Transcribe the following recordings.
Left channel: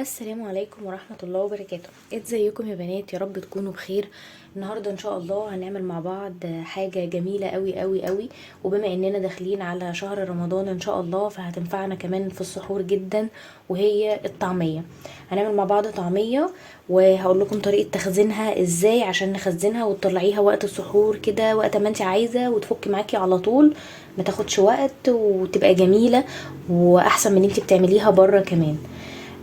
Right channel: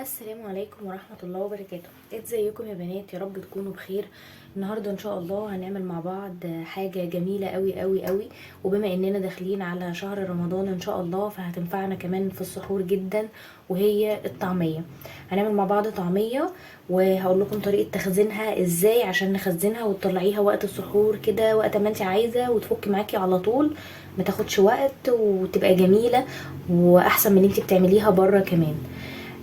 السلام عليكم ورحمة الله وبركاته. ازيكم يا بنات؟ يا رب تكونوا بخير. النهاردة ان شاء الله هنعمل مع بعض حاجة جميلة قوي قوي قوي، وبما اننا داخلين على شهر رمضان ان شاء الله فهتنفعنا كمان في السحور جدا، وهي الطعمية. هنعمل مع بعض طعمية، وهقول لكم طريقة تخزينها ازاي عشان نخزنها وتطلعيها وقت السحور كده وقت ما انت عايزة، وتفك معاكي على طول، ما تاخدش وقت وتبقى جميلة واحسن من انت بتعمليها بره كمان.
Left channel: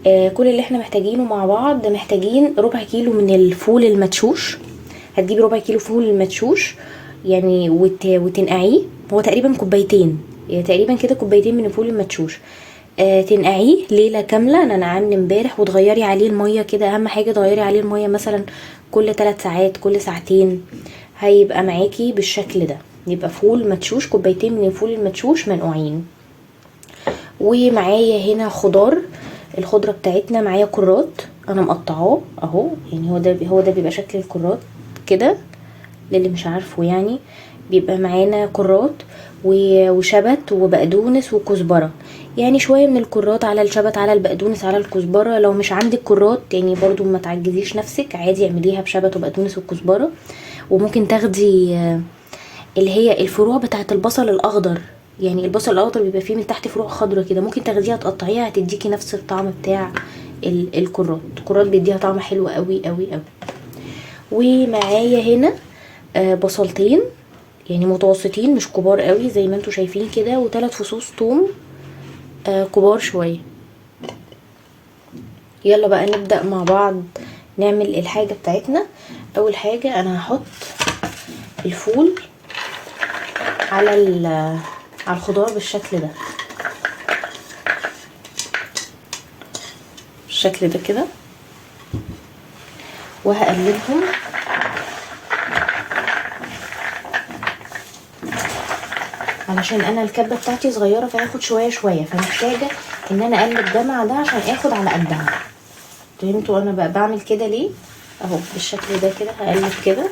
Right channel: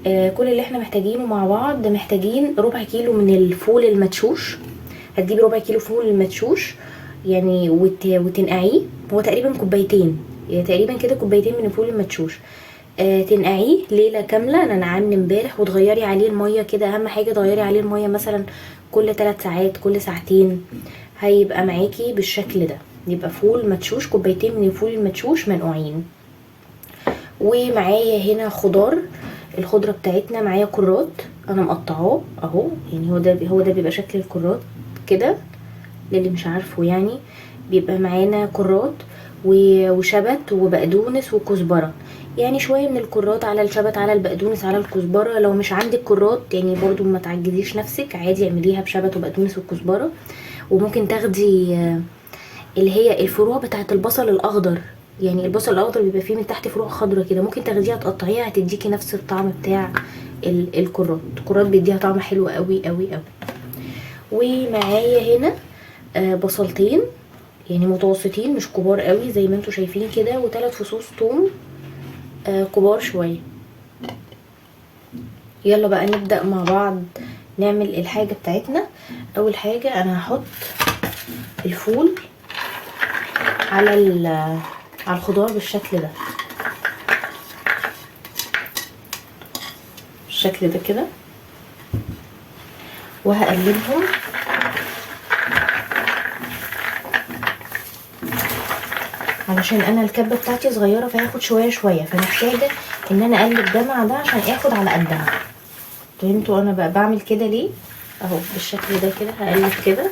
كل اللي احنا محتاجينه مع بعض، محتاجين ربع كيلو من الفول المدشوش. هتجيبي ربع كيلو فول المدشوش يعني وتنقعيه. هو تقريبا كوبايتين، يعني تقريبا كده كوبايتين من الفول المدشوش. تنقعيه ليله كامله، انا نقعني امبارح، وتغيري عليه الميه كده. اهم حاجه تغيري عليه الميه مثلا كل 3 ساعات، كل ساعتين، هيبقى معاكي بالشكل ده. يبقى فول مدشوش، كوبايتين من الفول المدشوش منقوعين. ومعايا هنا خضار. الخضرة بتاعتنا معايا كرات، انا مقطعاه اهو، يعني هو ده بيبقى شكل الكرات كده، للي مش عارفه يعني. بيبقى معانا كرات وشبت وبقدونس وكزبرة، يعني شوية من الكرات على الشبت على البقدونس على الكزبرة. لو مش عندك كرات يعني برضو ما تعجزيش نفسك، عادي اعمليها بشبت وبقدونس والكزبرة. وممكن تاخدي اللي هي الفروع بتاعت البصل الاخضر، يعني البصل الاخضر بيبقى فيه من تحت فروع خضرة كده، ممكن تاخديها تقطعيها هتديكي نفس الطعم بتاع الكرات بيديها طعم حلو قوي قوي قوي. ومعايا هنا بصلتين، يعني متوسطين مش كبار قوي زي ما انتوا شايفين كده، و3 فصوص توم كبار شوية. يلا بقى نبدأ مع بعض نعمل الحاجة بتاعتنا. اول حاجة انا هحط الفول على على الخضار بالشكل ده، بالشكل ده كده، وهقلبهم علشان انا الكبه بتاعتي صغيره فهاخد شويه شويه، فمحتاجه ان انا اقلب ده مع ده عشان اخد على قدها. فهمتوا انا بقى بعمل كده ليه؟ اهو بالشكل ده كده هقلب كده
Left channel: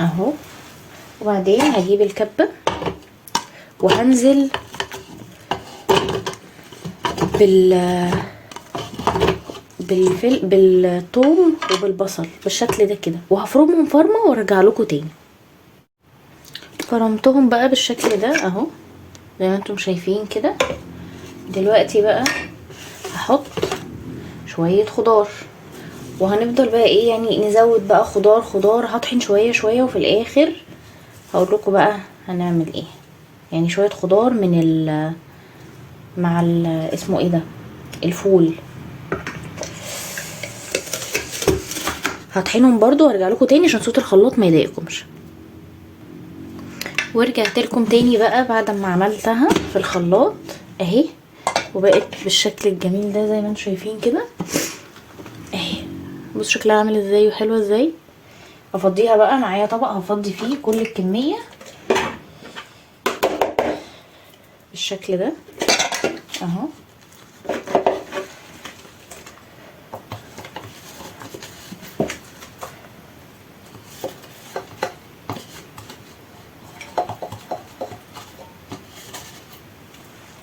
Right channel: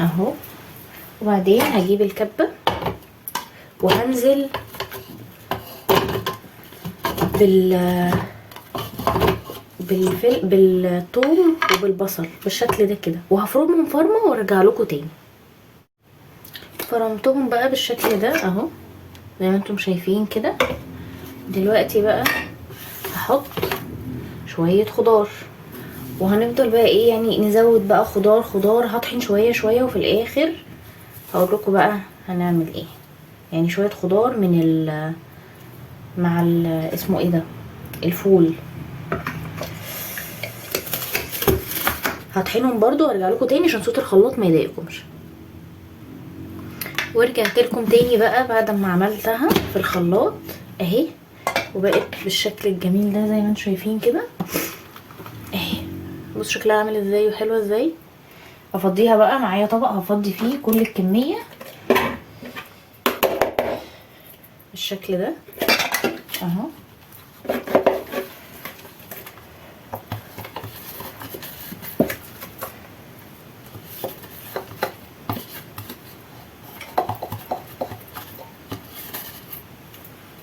اهو. وبعدين هجيب الكبه وهنزل بال بالثوم وبالبصل بالشكل ده كده، وهفرمهم فرمه وارجع لكم تاني. فرمتهم بقى بالشكل ده اهو زي ما انتم شايفين كده. دلوقتي بقى هحط شويه خضار، وهنفضل بقى ايه يعني نزود بقى خضار خضار، هطحن شويه شويه، وفي الاخر هقول لكم بقى هنعمل ايه. يعني شويه خضار من مع اسمه ايه ده، الفول. هطحنهم برضو وارجع لكم تاني عشان صوت الخلاط ما يضايقكمش. ورجعت لكم تاني بقى بعد ما عملتها في الخلاط اهي، وبقت بالشكل الجميل ده زي ما انتم شايفين كده اهي. بص شكلها عامل ازاي وحلوه ازاي. افضيها بقى معايا طبق هفضي فيه كل الكميه بالشكل ده اهو.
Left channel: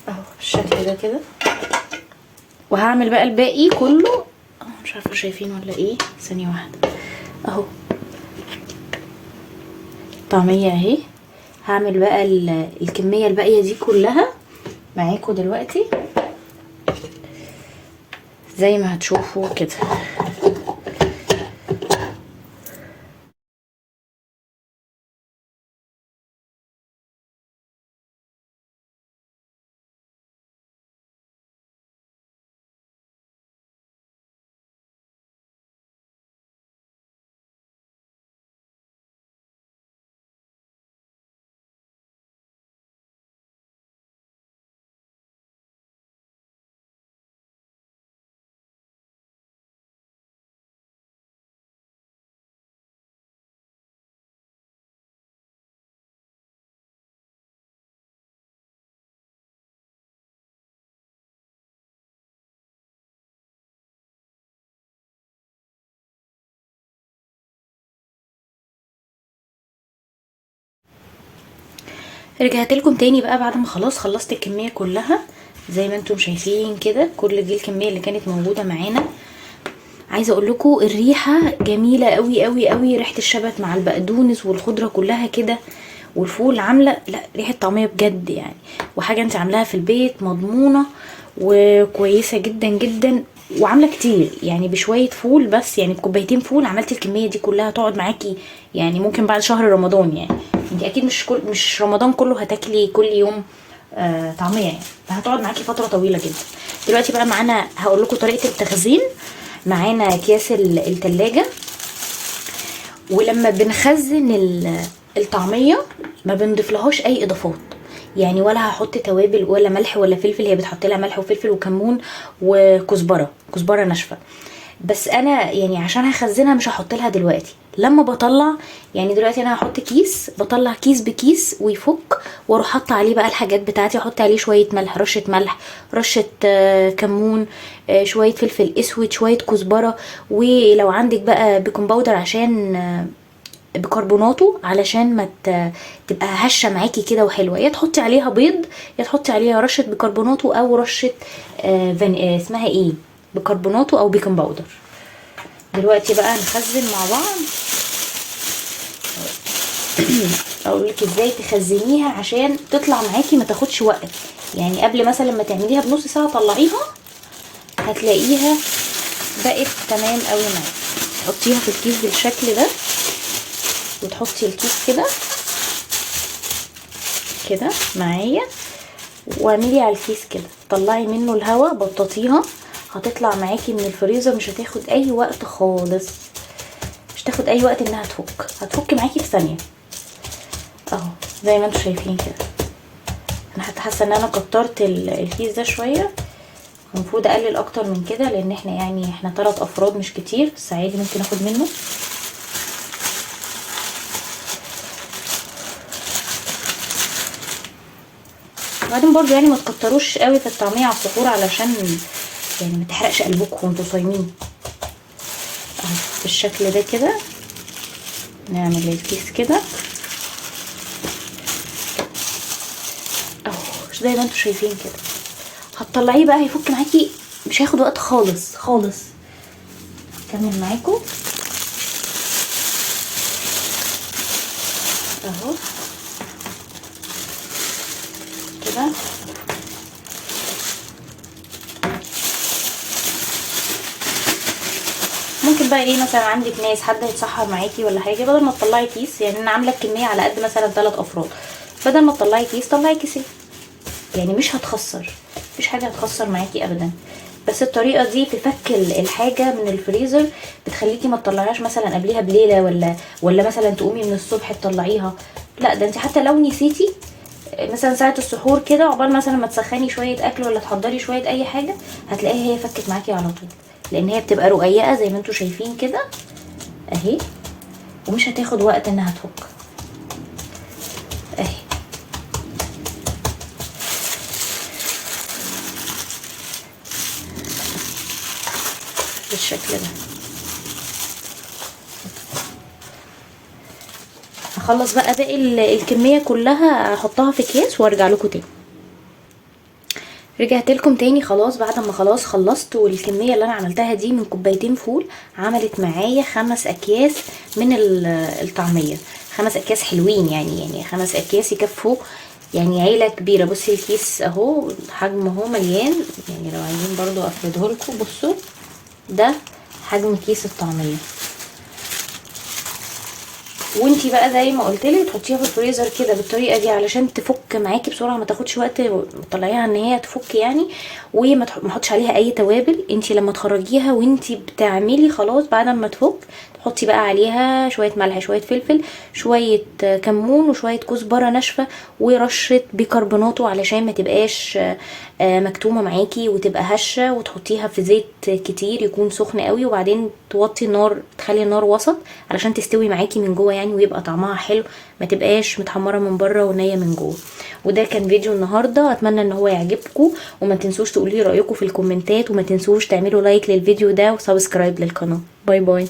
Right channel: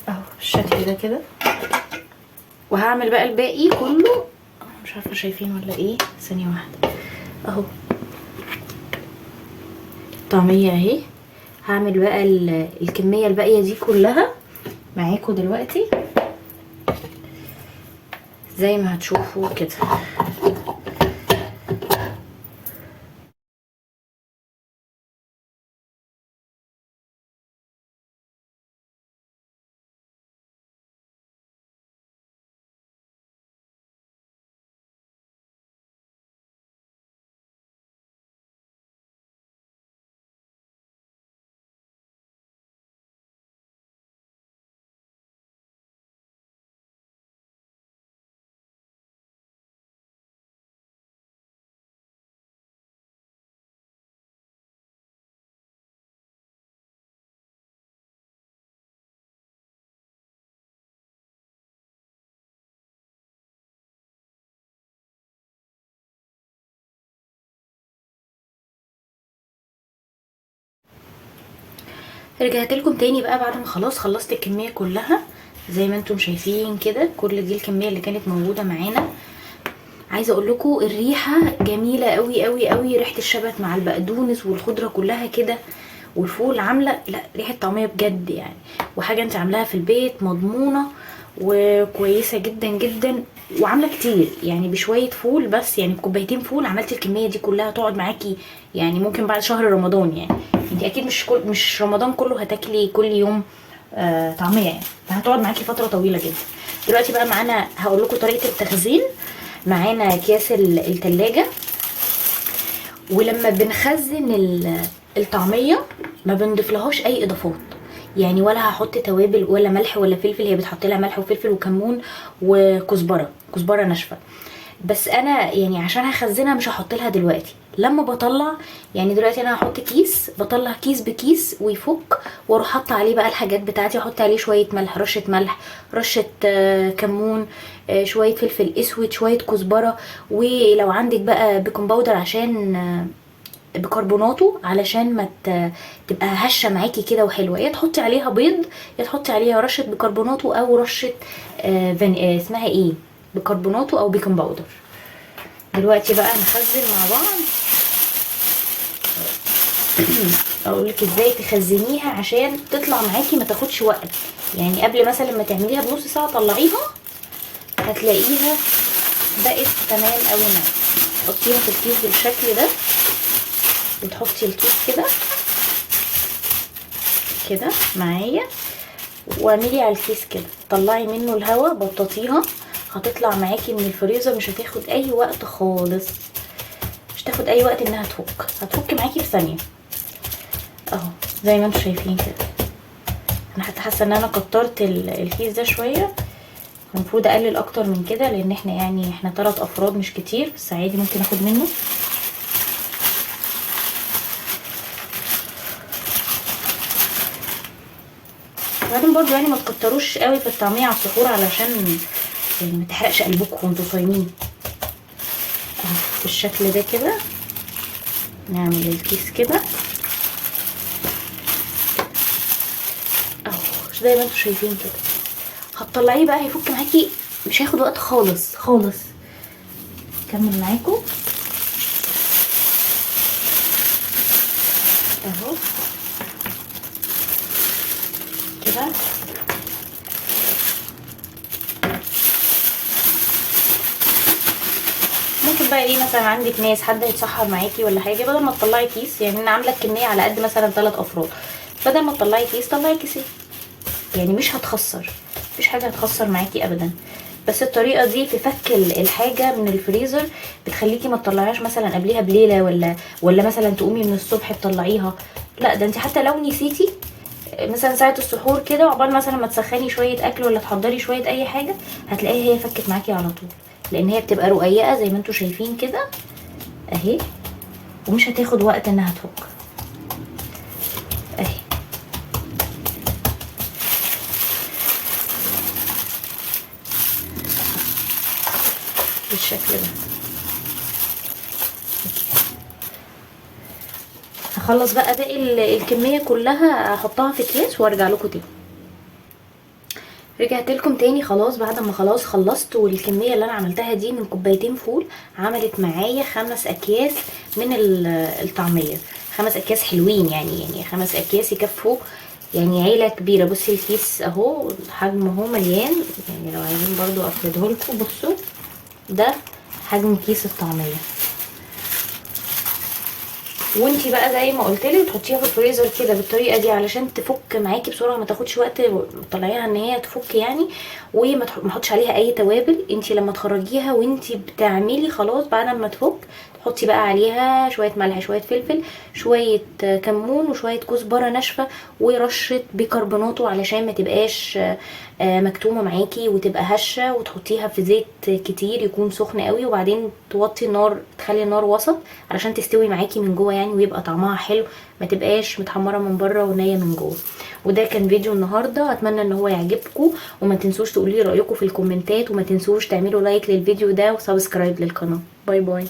اهو بالشكل ده كده. وهعمل بقى الباقي كله، مش عارفه شايفين ولا ايه، ثانيه واحده اهو. طعميه اهي. هعمل بقى الكميه الباقيه دي كلها معاكم دلوقتي زي ما هتشوفوا كده. رجعت لكم تاني بقى بعد ما خلاص خلصت الكميه كلها زي ما انتم شايفين كده كل دي الكميه اللي كانت موجوده معانا. عايزه اقول لكم الريحه جميله قوي قوي قوي، ريحه الشبت مع البقدونس والخضره كلها كده والفول عامله لا ريحه طعميه بجد يعني، وحاجه انت عاملاها في البيت مضمونه وكويسه جدا جدا، وعامله كتير يعني بشويه فول بس، يعني بكوبايتين فول عملتي الكميه دي كلها تقعد معاكي يعني ممكن بعد شهر رمضان. يعني انت اكيد مش رمضان كله هتاكلي كل يوم طعميه يعني، فهتقعد معاكي فتره طويله جدا. دلوقتي بقى معانا هقول لكم طريقه التخزين. معانا اكياس التلاجة، ولما بنخزن الطعميه ما بنضيفلهاش اي اضافات، يعني ولا هحط توابل ولا ملح ولا فلفل، هي بتحط لها ملح وفلفل وكمون وكزبره ناشفه. بس انا يعني عشان هخزنها مش هحط لها دلوقتي، لما بطلع يعني دلوقتي انا هحط كيس، بطلع كيس بكيس ويفك، واروح حاطه عليه بقى الحاجات بتاعتي، احط عليه شويه ملح، رشه ملح، رشه كمون، شويه فلفل اسود، شويه كزبره، ولو عندك بقى بيكنج باودر عشان بيكربوناته علشان ما تبقى هشه معاكي كده وحلوه، يا تحطي عليها بيض يا تحطي عليها رشه بيكربوناته او رشه اسمها ايه، بيكربوناته او بيكنج باودر. دلوقتي بقى نخزن مع بعض. اقول لك ازاي تخزنيها عشان تطلع معاكي ما تاخدش وقت، يعني قبل مثلا لما تعمليها بنص ساعه طلعيها هتلاقيها بقت تمام قوي معاكي. تحطيها في الكيس بالشكل ده، وتحطي الكيس كده معايا، واعملي على الكيس كده، طلعي منه الهواء، بططيها، هتطلع معاكي من الفريزر مش هتاخد اي وقت خالص، مش تاخد اي وقت انها هتفك معاكي في ثانيه اهو زي ما انتم شايفين كده. انا حتى حاسه ان انا كترت الكيس ده شويه، المفروض اقلل اكتر من كده لان احنا 3 افراد مش كتير، بس عادي ممكن اخد منه. وبعدين برضو يعني ما تكتروش قوي في الطعميه على السحور علشان يعني ما تحرقش قلبكم وانتوا صايمين. اهو بالشكل ده كده نعمل الكيس كده اهو زي ما انتوا شايفين كده. هتطلعيه بقى هيفك معاكي، مش هياخد وقت خالص خالص. كمل معاكم اهو كده. ممكن بقى ايه مثلا عندك ناس حد هيتسحر معاكي ولا حاجه، بدل ما تطلعي كيس، يعني انا عامله الكميه على قد مثلا 3 افراد، بدل ما تطلعي كيس طلعي كيسين، يعني مش هتخسر، مفيش حاجه هتخسر معاكي ابدا. بس الطريقه دي تفك الحاجه من الفريزر بتخليكي ما تطلعيهاش مثلا قبليها بليله ولا مثلا تقومي من الصبح تطلعيها، لا ده انت حتى لو نسيتي مثلا ساعه السحور كده عقبال مثلا ما تسخني شويه اكل ولا تحضري شويه اي حاجه، هتلاقيها هي فكت معاكي على طول، لان هي بتبقى رقيقه زي ما انتوا شايفين كده اهي، ومش هتاخد وقت انها تفك اهي. بالشكل ده هخلص بقى باقي الكميه كلها، احطها في اكياس وارجع لكم تاني. رجعت لكم تاني خلاص بعد ما خلاص خلصت، والكميه اللي انا عملتها دي من كوبايتين فول عملت معايا 5 اكياس من الطعميه، 5 اكياس حلوين يعني 5 اكياس يكفوا يعني عيله كبيره. بصي الكيس اهو حجمه اهو مليان، يعني لو عايزين برضو افرده لكم بصوا ده حجم كيس الطعميه. وانتي بقى زي ما قلتلك تحطيها في الفريزر كده بالطريقه دي علشان تفك معاكي بسرعه، ما تاخدش وقت، تطلعيها ان هي تفك يعني، وما تحطش عليها اي توابل. انتي لما تخرجيها وانتي بتعملي خلاص بعد ما تفك تحطي بقى عليها شويه ملح، شويه فلفل، شويه كمون، وشويه كزبره ناشفه، ورشه بيكربوناتو علشان ما تبقاش مكتومه معاكي وتبقى هشه، وتحطيها في زيت كتير يكون سخن قوي، وبعدين توطي النار، تخلي النار وسط علشان تستوي معاكي من جوه يعني، ويبقى طعمها حلو، ما تبقاش متحمره من بره ونيه من جوه. وده كان فيديو النهارده، اتمنى ان هو يعجبكم، وما تنسوش تقولوا لي رايكم في الكومنتات، وما تنسوش تعملوا لايك للفيديو ده وسبسكرايب للقناه. باي باي.